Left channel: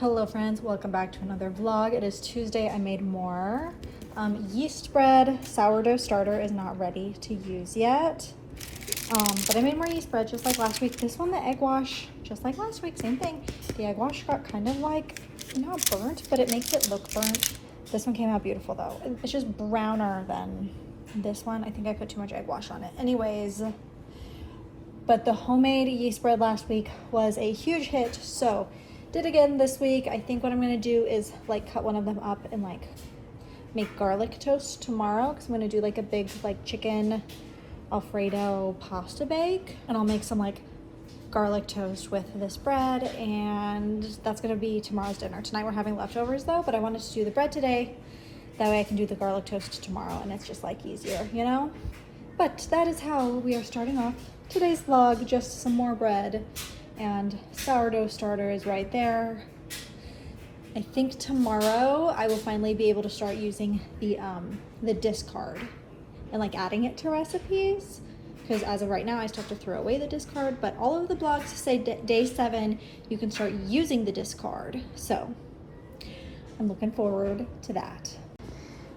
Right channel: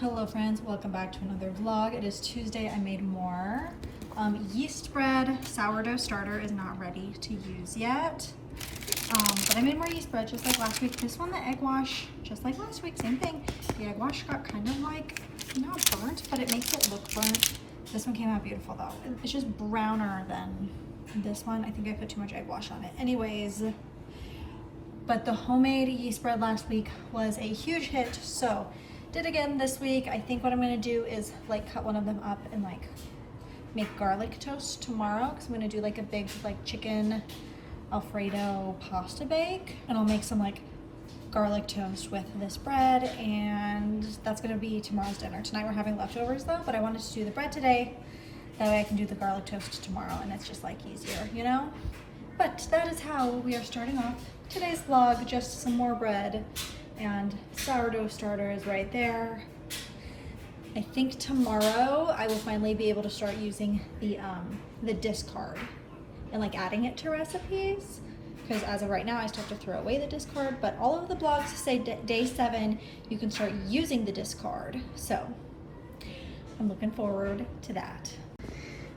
Hello friends, welcome back to another vlog. It is Tuesday. I made more yeast bread. Sourdough starter is not ready to use yet. But I made more yeast bread just like last week. This one, the egg wash, just like last week, same thing. The egg wash got kind of like, not burnt, but it makes it look burnt. This one came out beautiful though. It's just browner than this one. I think I put too much egg wash on it. Anyways, but the homemade yeast bread last week was a huge hit, so did again this week. I think what I'm gonna do is like cut one of them up and like make garlic toast tomorrow, because I'm gonna do like a big like chicken Alfredo pasta bake, and I'll make some like garlic toast with this bread, and that's gonna be tomorrow's dinner. Tonight we're having leftovers though, but I wanted to do the bread today, that way I can do the garlic toast tomorrow, and it's just like easier, you know? But that is how we are starting off today's vlog. Just some more bread, and sourdough starter is right there. I think tomorrow I will finally be able to start using the discard and like adding it to recipes, because as of right now I still have to throw away the discard, but all of the blogs say day 7 you can start using the discard, so I'm looking forward to that.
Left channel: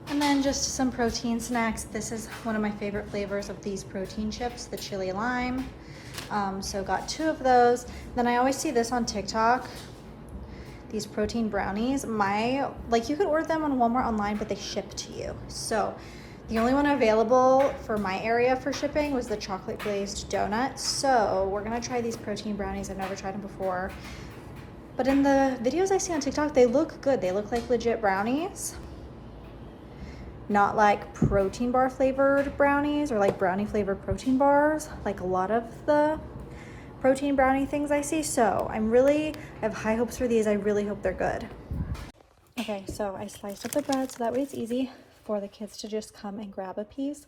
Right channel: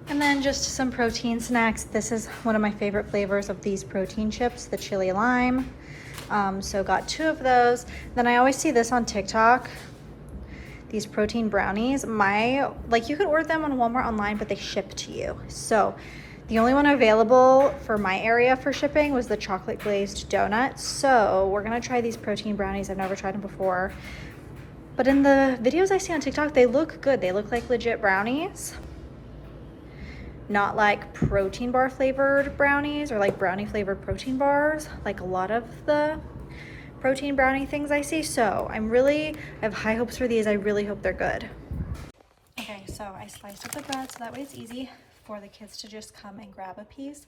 And then just some protein snacks. This is one of my favorite flavors of these protein chips, the chili lime. So got 2 of those. Then I always see this on TikTok, these protein brownies. Like you could order them on Walmart online, but they ship to you. So the only one available for my area for shipping was the chocolate glazed donut. So we're gonna try these protein brownies. I've never tried them before, but in the videos I see on TikTok, they look good. They look like legit brownies, not like protein bar flavored brownies or like brownie flavored protein bars, like a lot of the protein brownie things I see. So I have high hopes for these. I really hope they're good. Okay, so I sliced up the bread so that way it's easy for the kids to just come and grab a piece.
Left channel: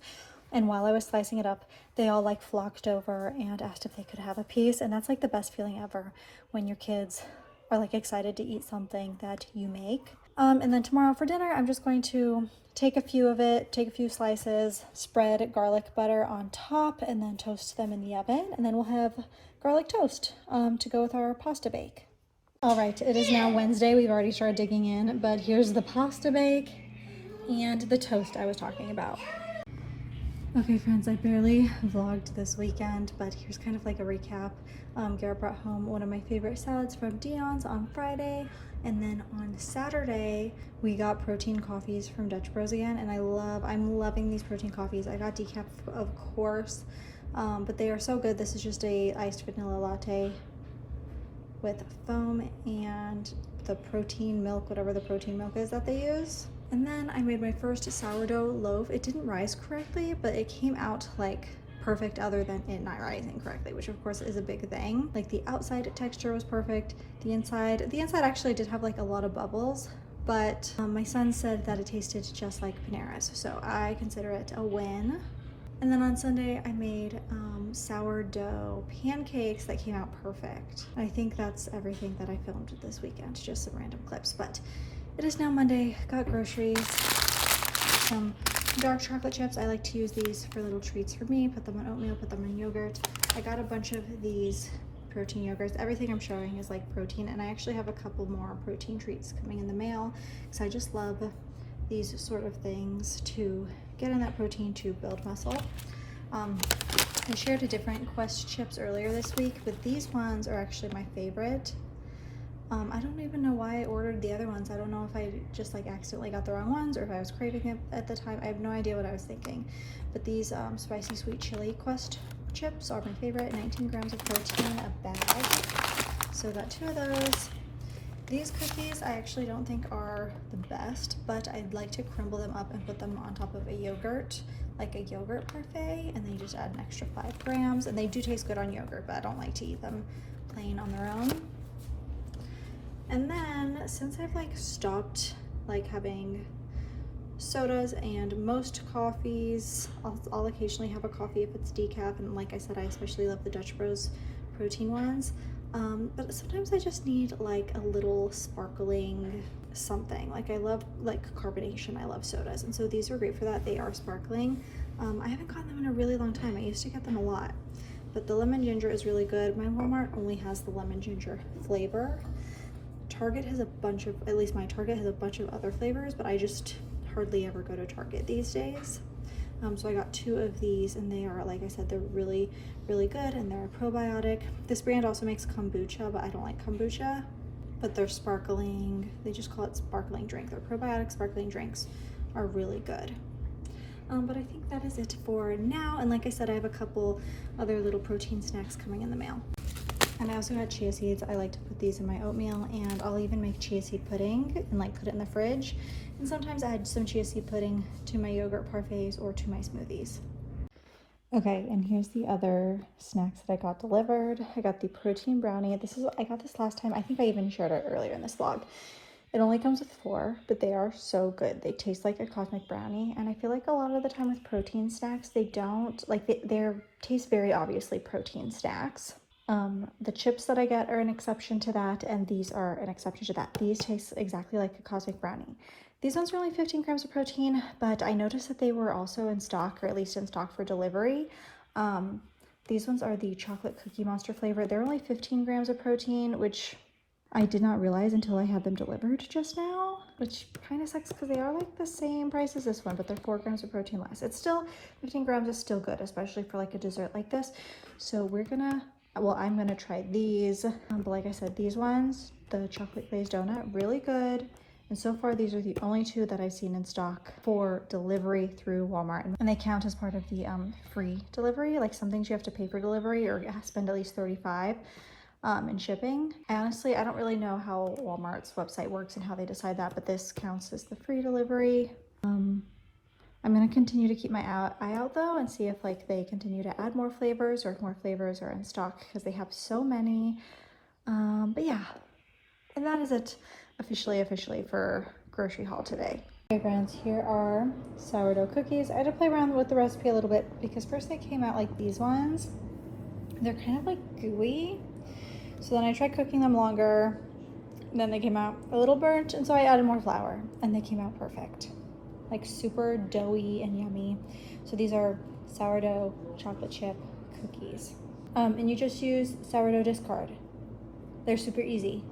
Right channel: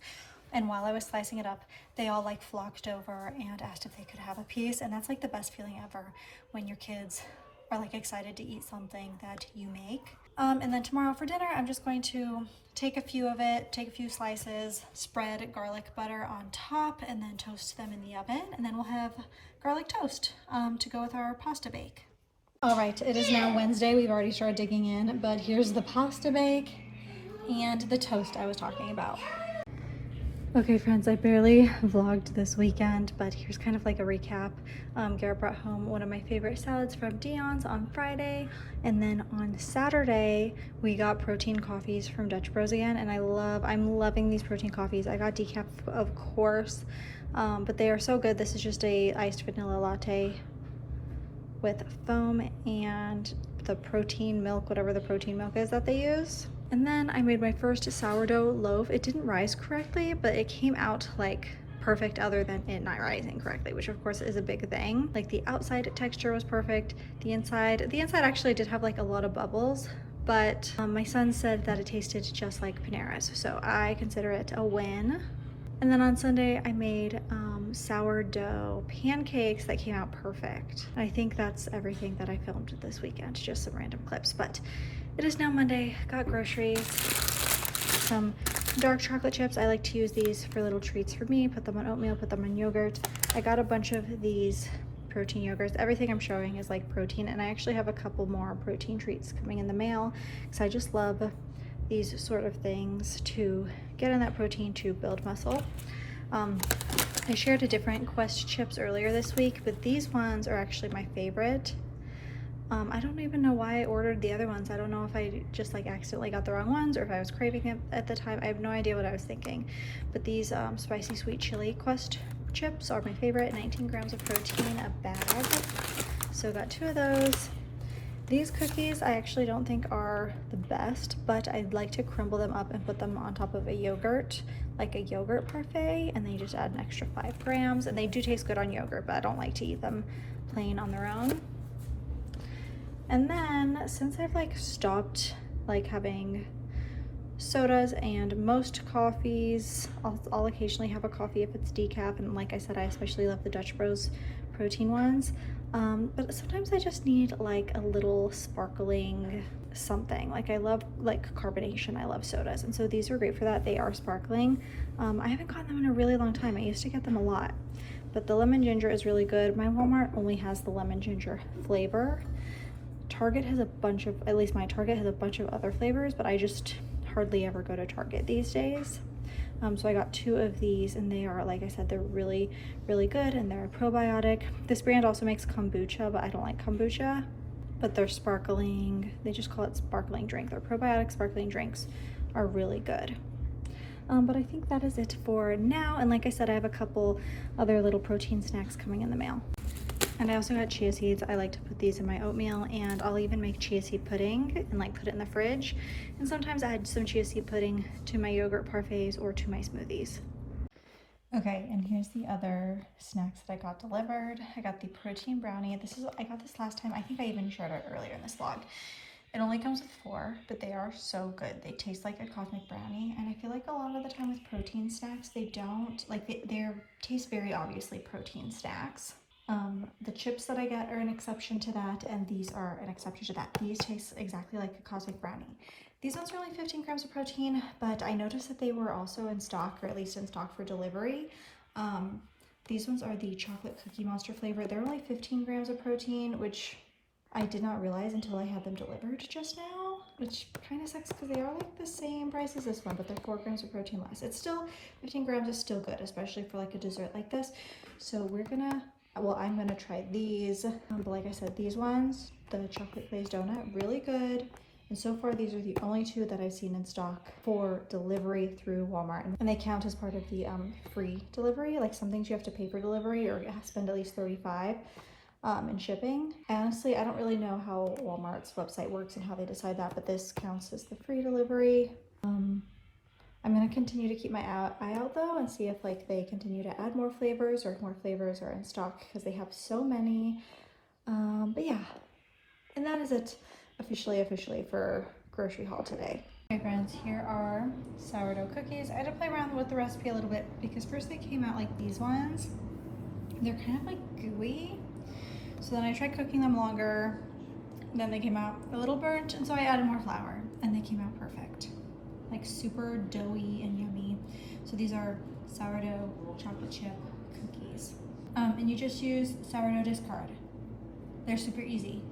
And while I was slicing it up, they all like flocked over and asked if they could have a piece. And that's like the best feeling ever, when your kids are like excited to eat something that you make. And then tomorrow for dinner, I'm just going to take a few slices, spread garlic butter on top, and then toast them in the oven. And then we'll have garlic toast to go with our pasta bake. All right, it is now Wednesday. We've already started digging in, but here's the pasta bake and the toast I was talking about. Okay friends, I barely vlogged this weekend, but here's kind of like a recap. Garrett brought home one of my favorite salads from Dion's on Friday, and then on Saturday we got protein coffees from Dutch Bros again, and I'm loving these protein coffees. I got decaf of course, but they are so good. This is just a iced vanilla latte with foam and the protein milk, whatever the protein milk is that they use. And then I made my first sourdough loaf. It didn't rise correctly, but it came out like perfect, other than it not rising correctly, which of course is a big thing. Like the outside texture was perfect. The inside actually did have like a lot of bubbles, but my son said that it tasted just like Panera's, so I consider it a win. And then on Sunday I made sourdough pancakes that came out perfect. I think that's everything that I filmed this weekend, just some random clips. But it is now Monday. Got groceries, some dark chocolate chips. I like to use these for little treats for me, put them on oatmeal, put them on yogurt. I got a bunch of these protein yogurts. Everything I'm showing is like protein, and I actually have a couple more protein treats coming in the mail, because I just love these sort of things to get in that protein to build muscle. I shared a different Quest chips earlier this week, but these ones are actually my favorite. I don't even know why I ordered the other ones. I don't know if I just like accidentally got the wrong ones, or if I was craving it at the time. I have no idea what I was thinking. But these spicy sweet chili Quest chips are my favorite. 19 grams of protein a bag. So got 2 of those. These cookies I actually don't think are the best, but I'd like to crumble them up and put them on top of a yogurt, like a yogurt parfait, and then you just add an extra 5 grams. And they do taste good on yogurt, but I don't like to eat them plain on their own. And then since I've like stopped like having sodas and most coffees, I'll occasionally have a coffee if it's decaf, and like I said, I especially love the Dutch Bros protein ones. But sometimes I just need like a little sparkling something. Like I love like carbonation. I love sodas, and so these are great for that. They are sparkling. I haven't gotten them in a really long time. I used to get them a lot, but the lemon ginger is really good. My Walmart only has the lemon ginger flavor. Target has a bunch of, at least my Target has a bunch of other flavors, but I just hardly ever go to Target these days. So I got 2 of these, and they are, like I said, they're really, really good, and they're a probiotic. This brand also makes kombucha, but I don't like kombucha. But they're sparkling, they just call it sparkling drink. Their probiotic sparkling drinks are really good. But I think that is it for now. And like I said, I have a couple other little protein snacks coming in the mail. And I also got chia seeds. I like to put these in my oatmeal, and I'll even make chia seed pudding and like put it in the fridge. And sometimes add some chia seed pudding to my yogurt parfaits or to my smoothies. Okay, and here's the other snacks that I got delivered. I got the protein brownie. I got this last time. I think I even shared it earlier in this vlog. It only comes with 4, but they are so good. They taste like a cosmic brownie, and I feel like a lot of the time with protein snacks, they don't, like they taste very obviously protein snacks. The chips that I get are an exception to that, and these are an exception to that. These taste exactly like a cosmic brownie. These ones were only 15 grams of protein, but I noticed that they were also in stock, or at least in stock for delivery. These ones are the chocolate cookie monster flavor. They're only 15 grams of protein, which I did not realize until I had them delivered just now, which kind of sucks because they are like the same price as this one, but they're 4 grams of protein less. It's still, 15 grams is still good, especially for like a dessert like this. So I'm gonna try these. But like I said, these ones, the chocolate glazed donut, really good. And so far, these are the only 2 that I've seen in stock for delivery through Walmart. And they count as part of the free delivery. Like some things you have to pay for delivery or spend at least $35 in shipping. Honestly, I don't really know how Walmart's website works and how they decide that, but this counts as the free delivery. I'm going to continue to keep my eye out though and see if like they continue to add more flavors or if more flavors are in stock because they have so many. But yeah, and that is it officially for grocery haul today. Okay friends, here are sourdough cookies. I had to play around with the recipe a little bit because first they came out like these ones. They're kind of like gooey. So then I tried cooking them longer, and then they came out a little burnt, and so I added more flour, and they came out perfect. Like super doughy and yummy. So these are sourdough chocolate chip cookies. And you just use sourdough discard. They're super easy.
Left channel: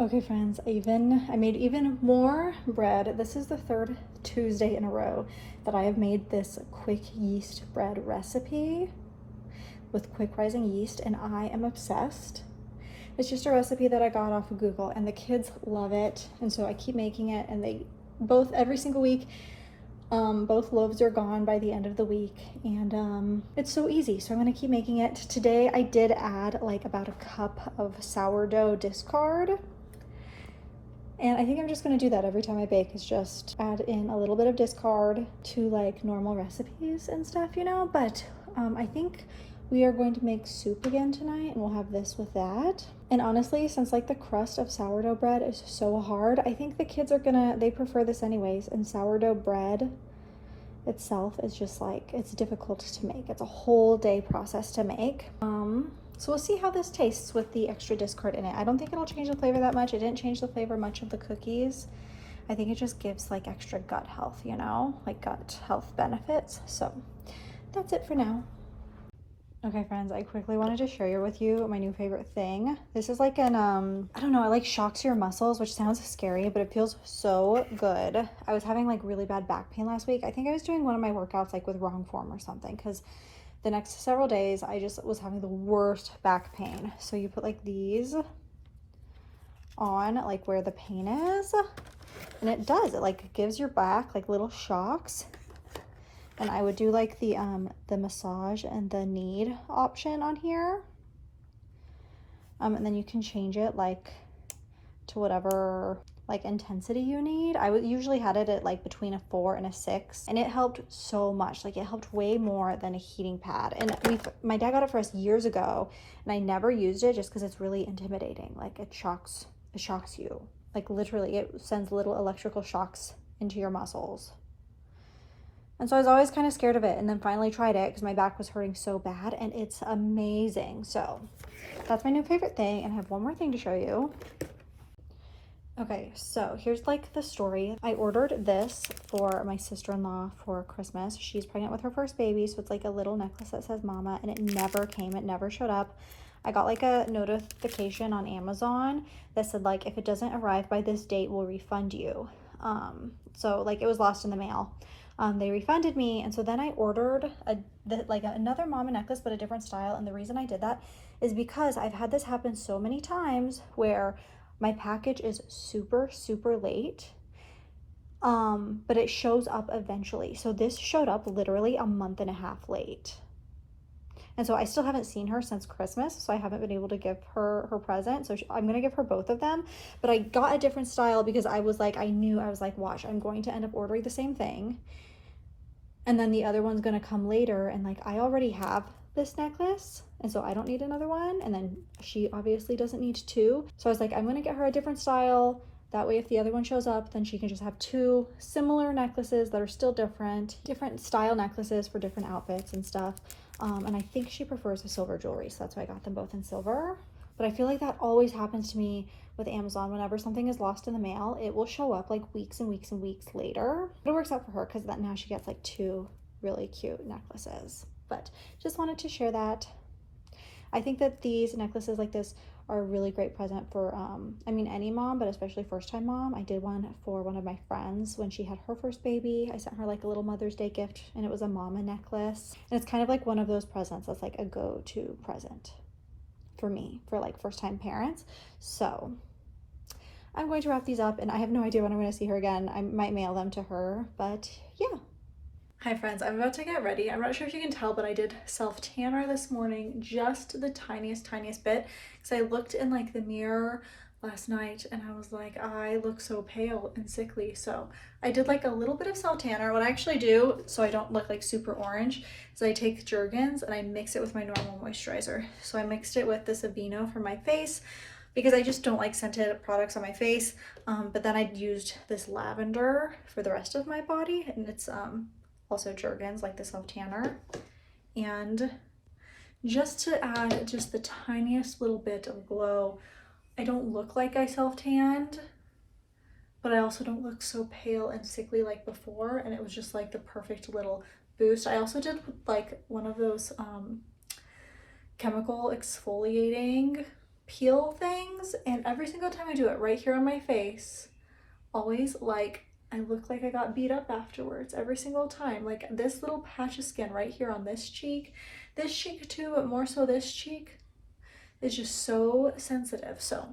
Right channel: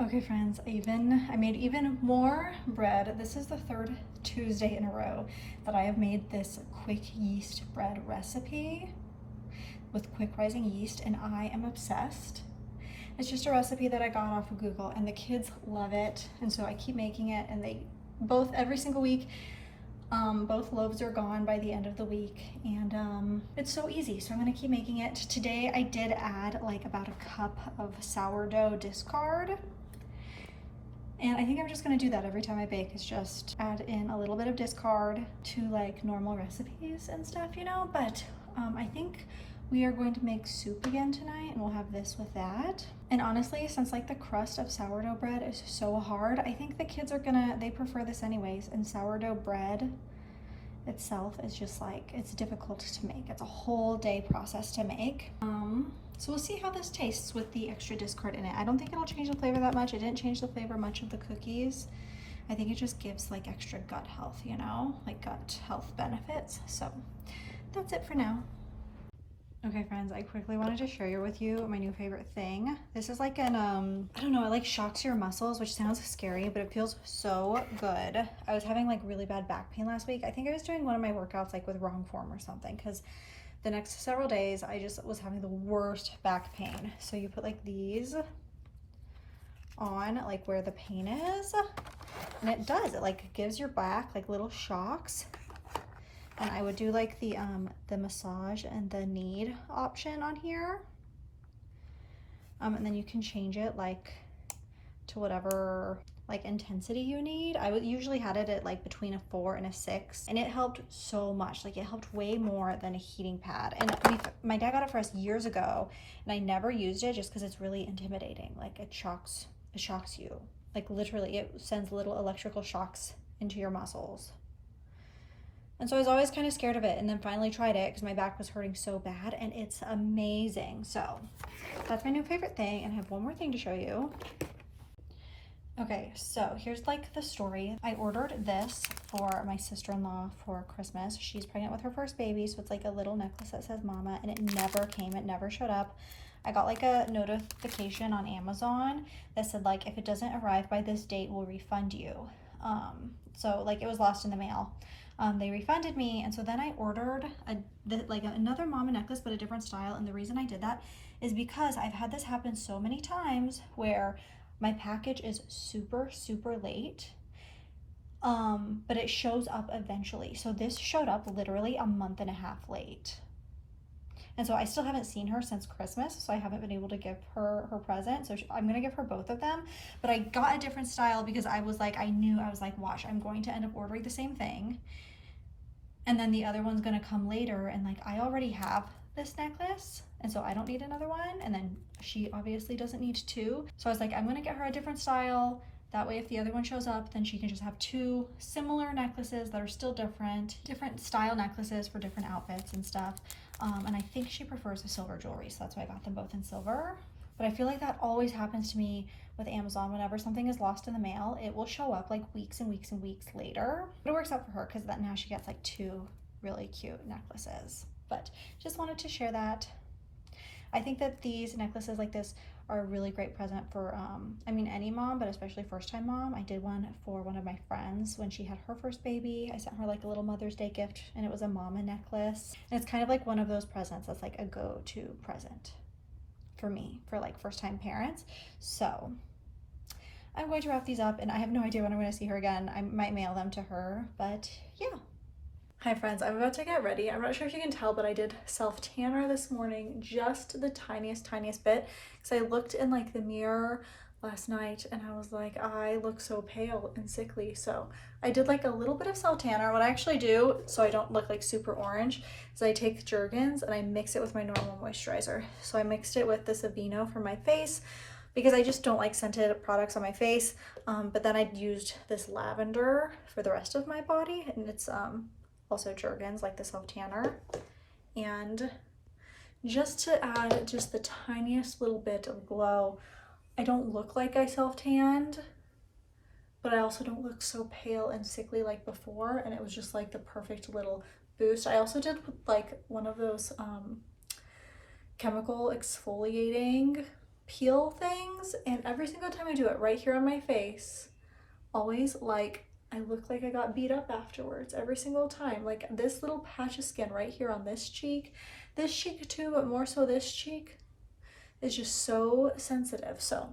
Okay friends, I made even more bread. This is the 3rd Tuesday in a row that I have made this quick yeast bread recipe with quick rising yeast, and I am obsessed. It's just a recipe that I got off of Google, and the kids love it, and so I keep making it, and they both, every single week, both loaves are gone by the end of the week, and it's so easy, so I'm gonna keep making it. Today I did add like about a cup of sourdough discard, and I think I'm just gonna do that every time I bake, is just add in a little bit of discard to like normal recipes and stuff, you know. But I think we are going to make soup again tonight, and we'll have this with that. And honestly, since like the crust of sourdough bread is so hard, I think the kids they prefer this anyways. And sourdough bread itself is just like, it's difficult to make. It's a whole day process to make. So we'll see how this tastes with the extra discard in it. I don't think it'll change the flavor that much. It didn't change the flavor much of the cookies. I think it just gives like extra gut health, you know, like gut health benefits. So that's it for now. Okay friends, I quickly wanted to share with you my new favorite thing. This is like an, I don't know, it like shocks your muscles, which sounds scary, but it feels so good. I was having like really bad back pain last week. I think I was doing one of my workouts like with wrong form or something, because the next several days I just was having the worst back pain. So you put like these on like where the pain is, and it like gives your back like little shocks. And I would do like the massage and the knead option on here. And then you can change it like to whatever like intensity you need. I usually had it at like between a 4 and a 6, and it helped so much. Like it helped way more than a heating pad. And my dad got it for us years ago, and I never used it just because it's really intimidating. Like it shocks you. Like literally it sends little electrical shocks into your muscles. And so I was always kind of scared of it, and then finally tried it because my back was hurting so bad, and it's amazing. So that's my new favorite thing, and I have one more thing to show you. Okay, so here's like the story. I ordered this for my sister-in-law for Christmas. She's pregnant with her first baby, so it's like a little necklace that says mama, and it never came. It never showed up. I got like a notification on Amazon that said like, if it doesn't arrive by this date, we'll refund you. So like it was lost in the mail. They refunded me, and so then I ordered another mama necklace, but a different style. And the reason I did that is because I've had this happen so many times where my package is super, super late, but it shows up eventually. So this showed up literally a month and a half late. And so I still haven't seen her since Christmas, so I haven't been able to give her her present. So I'm going to give her both of them. But I got a different style because I was like, watch, I'm going to end up ordering the same thing. And then the other one's going to come later. And like, I already have this necklace, and so I don't need another one. And then she obviously doesn't need two. So I was like, I'm going to get her a different style. That way, if the other one shows up, then she can just have two similar necklaces that are still different style necklaces for different outfits and stuff. And I think she prefers the silver jewelry, so that's why I got them both in silver. But I feel like that always happens to me with Amazon. Whenever something is lost in the mail, it will show up like weeks and weeks and weeks later. But it works out for her because now she gets like two really cute necklaces. But just wanted to share that. I think that these necklaces like this are a really great present for, any mom, but especially first-time mom. I did one for one of my friends when she had her first baby. I sent her like a little Mother's Day gift, and it was a mama necklace. And it's kind of like one of those presents that's like a go-to present for me, for like first-time parents. So I'm going to wrap these up, and I have no idea when I'm going to see her again. I might mail them to her, but yeah. Hi friends, I'm about to get ready. I'm not sure if you can tell, but I did self-tanner this morning, just the tiniest bit, because I looked in like the mirror last night and I was like, I look so pale and sickly. So I did like a little bit of self-tanner. What I actually do, so I don't look like super orange, is I take Jergens and I mix it with my normal moisturizer. So I mixed it with this Aveeno for my face, because I just don't like scented products on my face. But then I used this lavender for the rest of my body, and it's also Jergens, like the self-tanner. And just to add just the tiniest little bit of glow, I don't look like I self-tanned, but I also don't look so pale and sickly like before, and it was just like the perfect little boost. I also did like one of those chemical exfoliating peel things, and every single time I do it right here on my face, always like I look like I got beat up afterwards every single time. Like this little patch of skin right here on this cheek too, but more so this cheek, is just so sensitive. So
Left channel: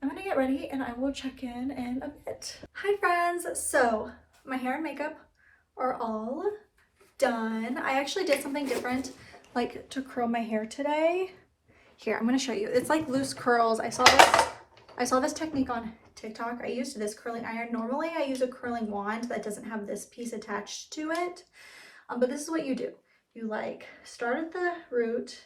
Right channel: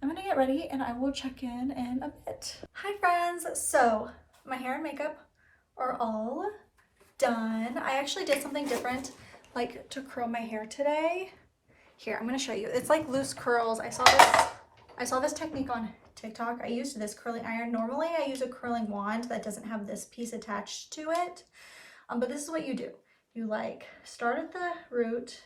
I'm gonna get ready and I will check in a bit. Hi friends, so my hair and makeup are all done. I actually did something different, like to curl my hair today. Here, I'm gonna show you. It's like loose curls. I saw this technique on TikTok. I used this curling iron. Normally I use a curling wand that doesn't have this piece attached to it. But this is what you do. You like start at the root.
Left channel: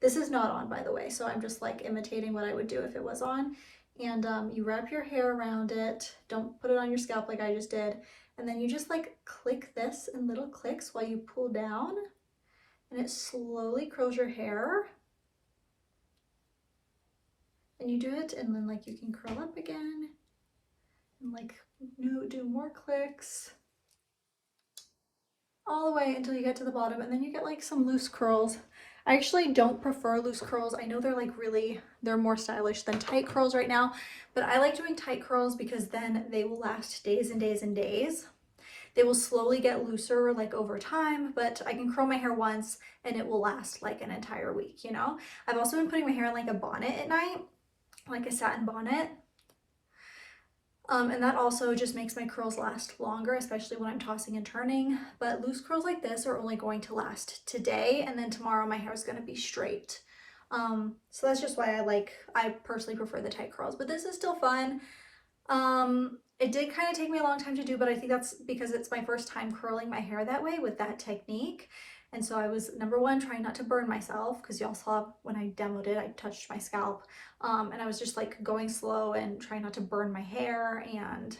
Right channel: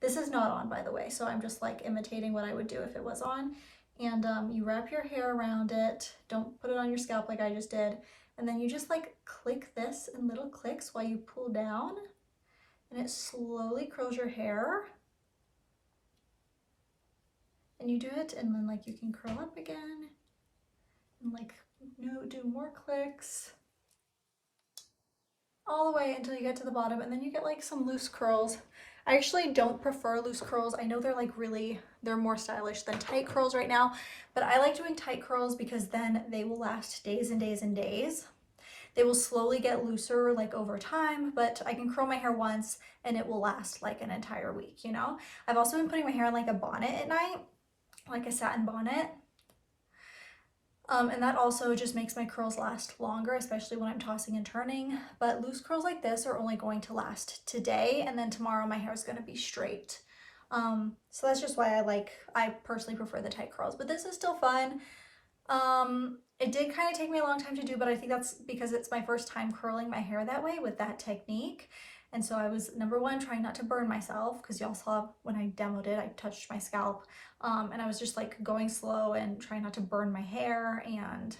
This is not on, by the way, so I'm just like imitating what I would do if it was on. And you wrap your hair around it. Don't put it on your scalp like I just did. And then you just like click this in little clicks while you pull down, and it slowly curls your hair. And you do it, and then like you can curl up again and like do more clicks all the way until you get to the bottom, and then you get like some loose curls. I actually don't prefer loose curls. I know they're like they're more stylish than tight curls right now, but I like doing tight curls because then they will last days and days and days. They will slowly get looser like over time, but I can curl my hair once and it will last like an entire week, you know? I've also been putting my hair in like a bonnet at night, like a satin bonnet. And that also just makes my curls last longer, especially when I'm tossing and turning. But loose curls like this are only going to last today, and then tomorrow my hair is going to be straight. So that's just why I personally prefer the tight curls, but this is still fun. It did kind of take me a long time to do, but I think that's because it's my first time curling my hair that way with that technique. And so I was, number one, trying not to burn myself, because y'all saw when I demoed it, I touched my scalp. And I was just like going slow and trying not to burn my hair, and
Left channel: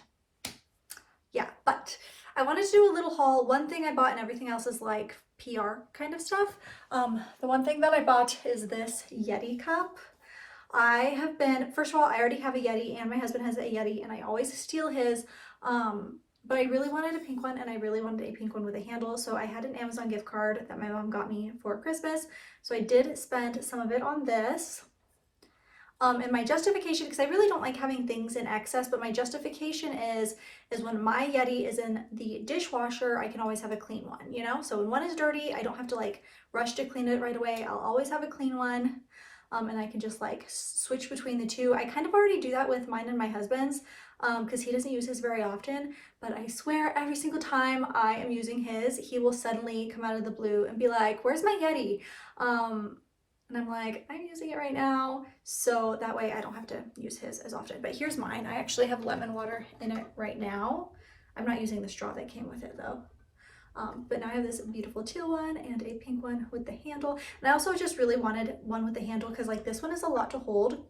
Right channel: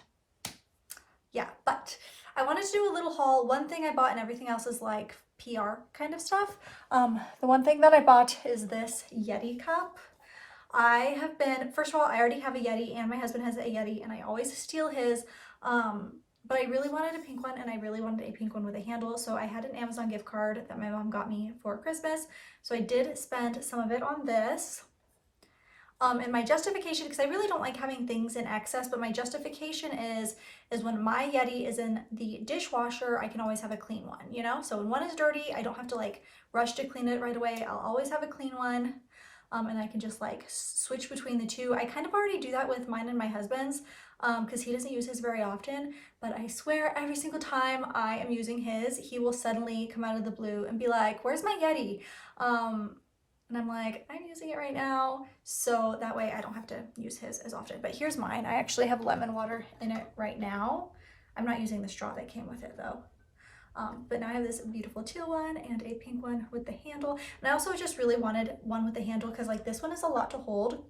yeah, but I wanted to do a little haul. One thing I bought and everything else is like PR kind of stuff. The one thing that I bought is this Yeti cup. I have been, first of all, I already have a Yeti and my husband has a Yeti and I always steal his. But I really wanted a pink one, and I really wanted a pink one with a handle. So I had an Amazon gift card that my mom got me for Christmas. So I did spend some of it on this. And my justification, because I really don't like having things in excess, but my justification is when my Yeti is in the dishwasher, I can always have a clean one, you know? So when one is dirty, I don't have to like rush to clean it right away. I'll always have a clean one. And I can just like switch between the two. I kind of already do that with mine and my husband's because he doesn't use his very often, but I swear every single time I am using his, he will suddenly come out of the blue and be like, where's my Yeti? And I'm like, I'm using it right now. So that way I don't have to use his as often. But here's mine. I actually have lemon water in it right now. I'm not using the straw that came with it though. But now I have this beautiful teal one and a pink one with the handle. And I also just really wanted one with the handle because like this one is a lot to hold.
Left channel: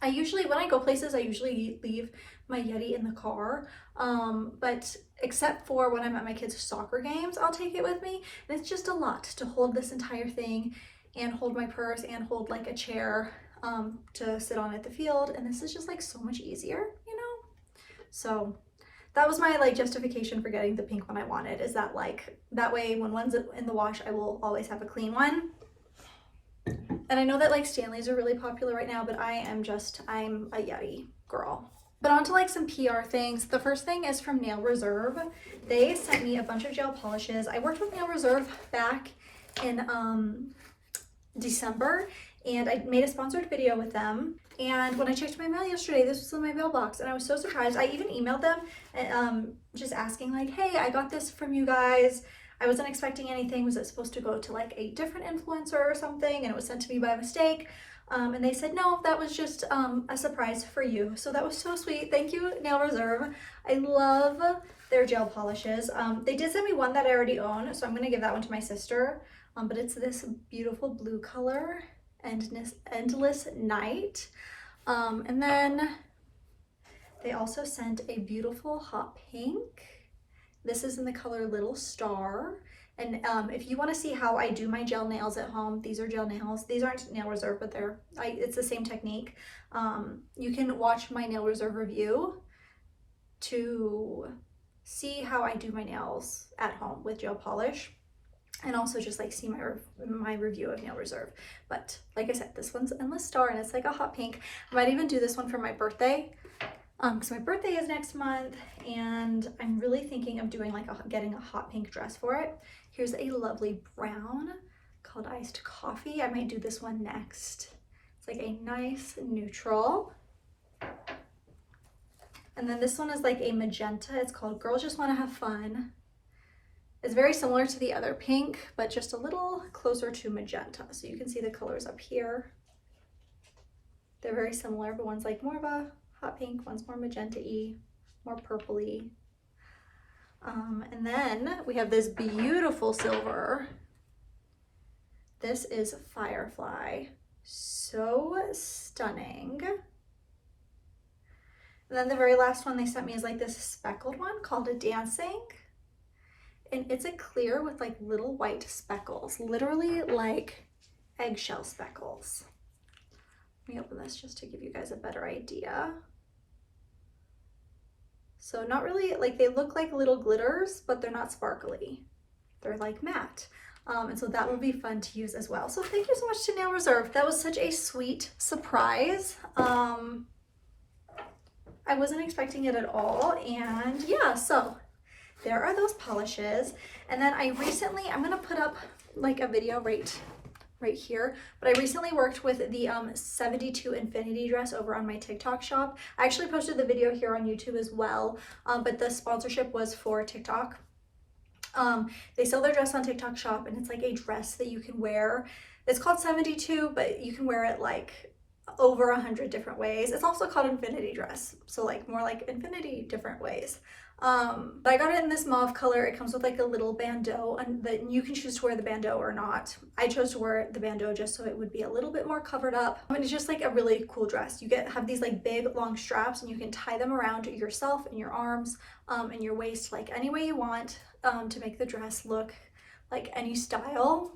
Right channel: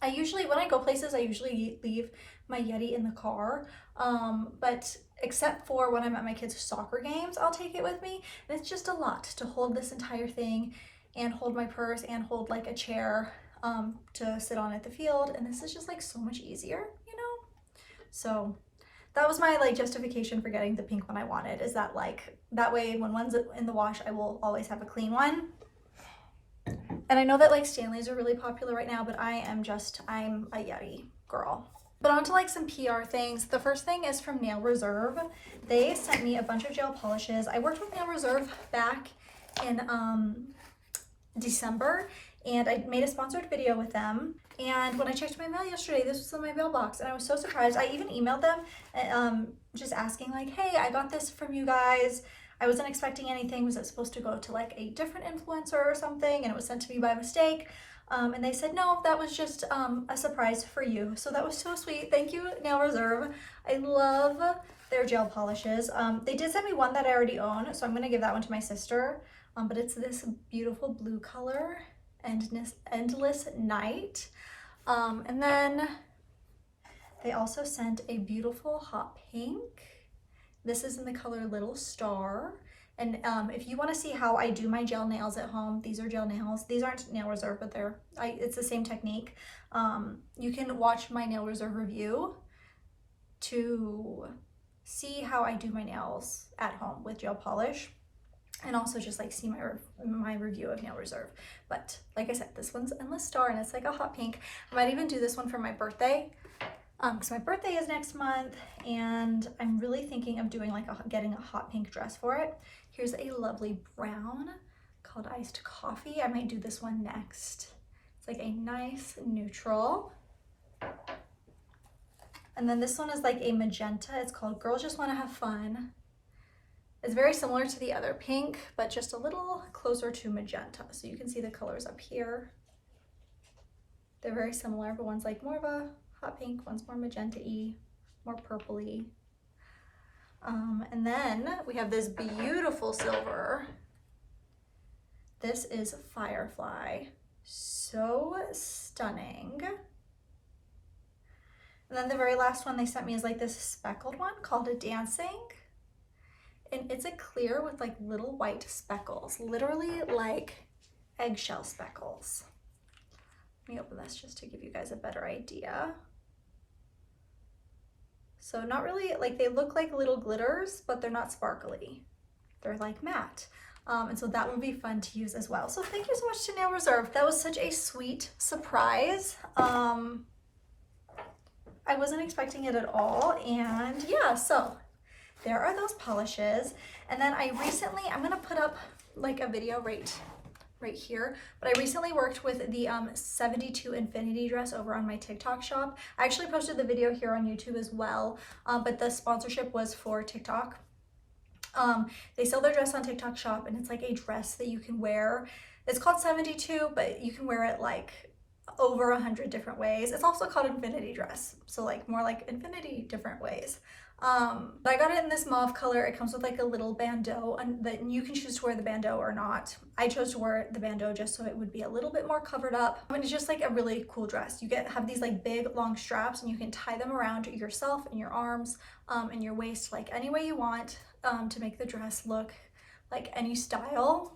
I usually, when I go places, I usually leave my Yeti in the car. But except for when I'm at my kids' soccer games, I'll take it with me. And it's just a lot to hold this entire thing and hold my purse and hold like a chair to sit on at the field. And this is just like so much easier, you know? So that was my like justification for getting the pink one I wanted, is that like, that way when one's in the wash, I will always have a clean one. And I know that like Stanleys are really popular right now, but I'm a Yeti girl. But on to like some PR things. The first thing is from Nail Reserve. They sent me a bunch of gel polishes. I worked with Nail Reserve back in December, and I made a sponsored video with them. And when I checked my mail yesterday, this was in my mailbox, and I was so surprised. I even emailed them just asking like, hey, I got this from you guys. I wasn't expecting anything. Was it supposed to go to like a different influencer or something? And it was sent to me by mistake. And they said, no, that was just a surprise for you. So that was so sweet. Thank you, Nail Reserve. I love their gel polishes. They did send me one that I already own, so I'm gonna give that one to my sister. But it's this beautiful blue color, Endless Night. And then they also sent a beautiful hot pink. This is in the color Little Star. And if you want to see how I do my gel nails at home, these are gel nails. These aren't Nail Reserve, but it's the same technique. You can watch my Nail Reserve review to see how I do my nails at home with gel polish, and also just like see my review of Nail Reserve. But like I said, this one's Endless Star, and it's like a hot pink. I might even do this one for my birthday, because my birthday is next month, and I'm really thinking of doing like getting a hot pink dress for it. Here's a lovely brown called Iced Coffee. I might do this one next. It's like a nice neutral. And then this one is like a magenta. It's called Girls Just Want to Have Fun. It's very similar to the other pink, but just a little closer to magenta. So you can see the colors up here. They're very similar, but one's like more of a hot pink, one's more magenta-y, more purpley. And then we have this beautiful silver. This is Firefly. So stunning. And then the very last one they sent me is like this speckled one called a Dancing. And it's a clear with like little white speckles, literally like eggshell speckles. Let me open this just to give you guys a better idea. So not really, like they look like little glitters, but they're not sparkly. They're like matte. And so that would be fun to use as well. So thank you so much to Nail Reserve. That was such a sweet surprise. I wasn't expecting it at all. And yeah, so there are those polishes. And then I'm gonna put up like a video right here, but I recently worked with the 72 Infinity dress over on my TikTok shop. I actually posted the video here on YouTube as well, but the sponsorship was for TikTok. They sell their dress on TikTok shop, and it's like a dress that you can wear. It's called 72, but you can wear it like over 100 different ways. It's also called Infinity dress, so like more like infinity different ways. But I got it in this mauve color. It comes with like a little bandeau, and then you can choose to wear the bandeau or not. I chose to wear the bandeau just so it would be a little bit more covered up. I mean, it's just like a really cool dress. You have these like big long straps, and you can tie them around yourself and your arms and your waist like any way you want to make the dress look like any style.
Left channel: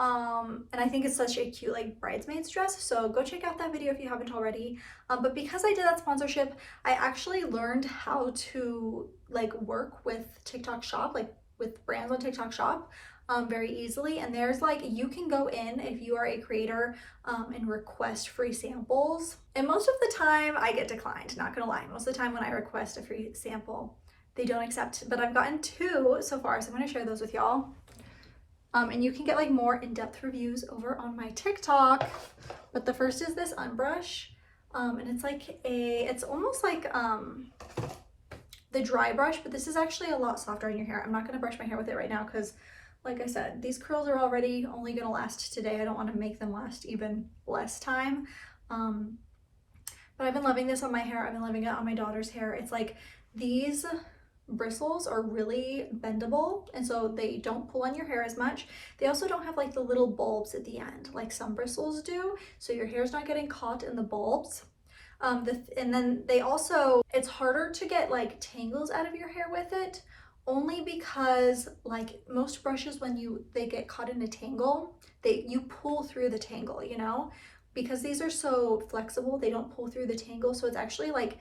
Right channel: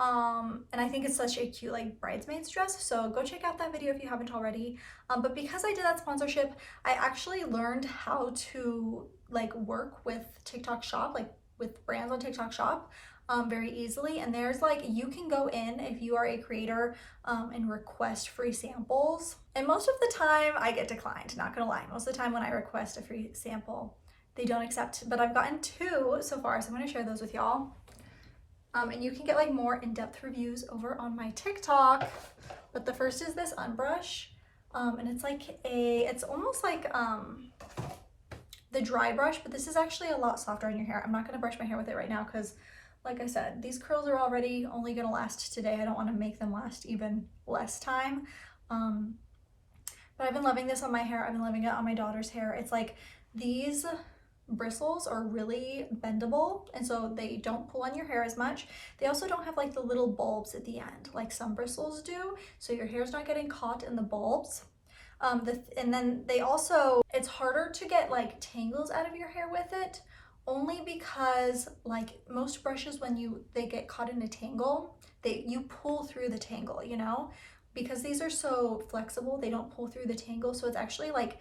And I think it's such a cute like bridesmaid's dress, so go check out that video if you haven't already. But because I did that sponsorship, I actually learned how to like work with TikTok shop, like with brands on TikTok shop. very easily. And there's like, you can go in if you are a creator and request free samples. And most of the time I get declined, not gonna lie. Most of the time when I request a free sample, they don't accept, but I've gotten 2 so far, so I'm gonna share those with y'all. And you can get like more in-depth reviews over on my TikTok. But the first is this unbrush. And it's like it's almost like the dry brush, but this is actually a lot softer on your hair. I'm not gonna brush my hair with it right now because, like I said, these curls are already only gonna last today. I don't wanna make them last even less time. But I've been loving this on my hair. I've been loving it on my daughter's hair. It's like these bristles are really bendable, and so they don't pull on your hair as much. They also don't have like the little bulbs at the end like some bristles do, so your hair's not getting caught in the bulbs. And then they also, it's harder to get like tangles out of your hair with it, only because like most brushes, when they get caught in a tangle, you pull through the tangle, you know, because these are so flexible, they don't pull through the tangle. So it's actually like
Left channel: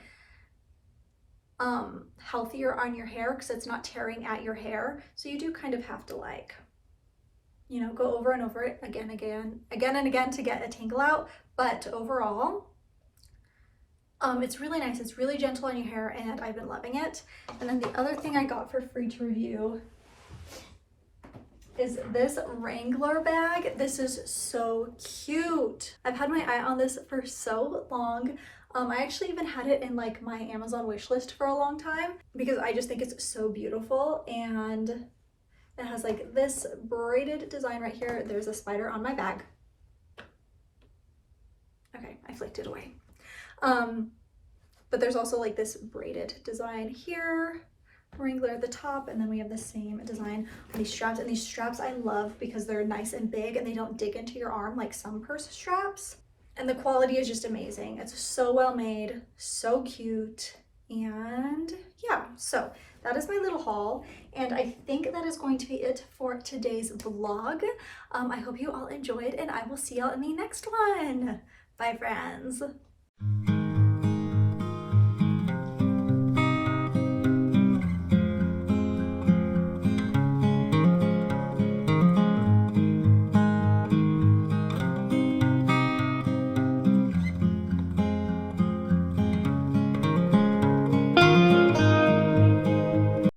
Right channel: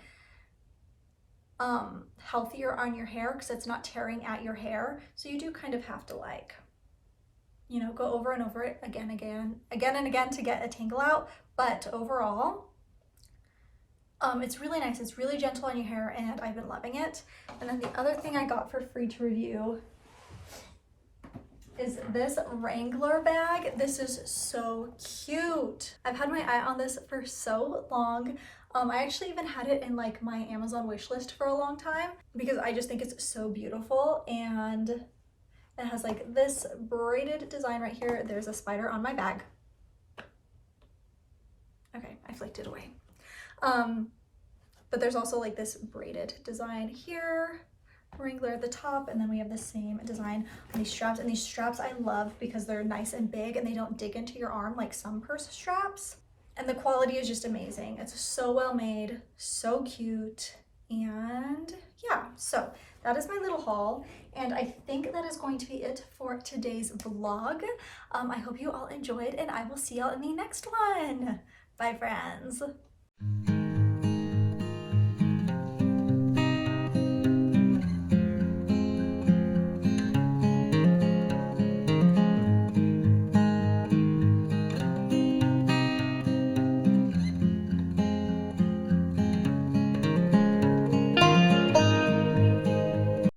healthier on your hair because it's not tearing at your hair. So you do kind of have to like, you know, go over and over it again and again to get a tangle out. But overall, it's really nice. It's really gentle on your hair, and I've been loving it. And then the other thing I got for free to review is this Wrangler bag. This is so cute. I've had my eye on this for so long. I actually even had it in like my Amazon wish list for a long time because I just think it's so beautiful. And it has like this braided design right here. There's a spider on my bag. Okay, I flicked it away. But there's also like this braided design here, Wrangler at the top, and then we have the same design on these straps. And these straps I love because they're nice and big and they don't dig into your arm like some purse straps. And the quality is just amazing. It's so well made, so cute. And yeah, so that is my little haul. And I think that is going to be it for today's vlog. I hope you all enjoyed, and I will see y'all in the next one. Bye, friends.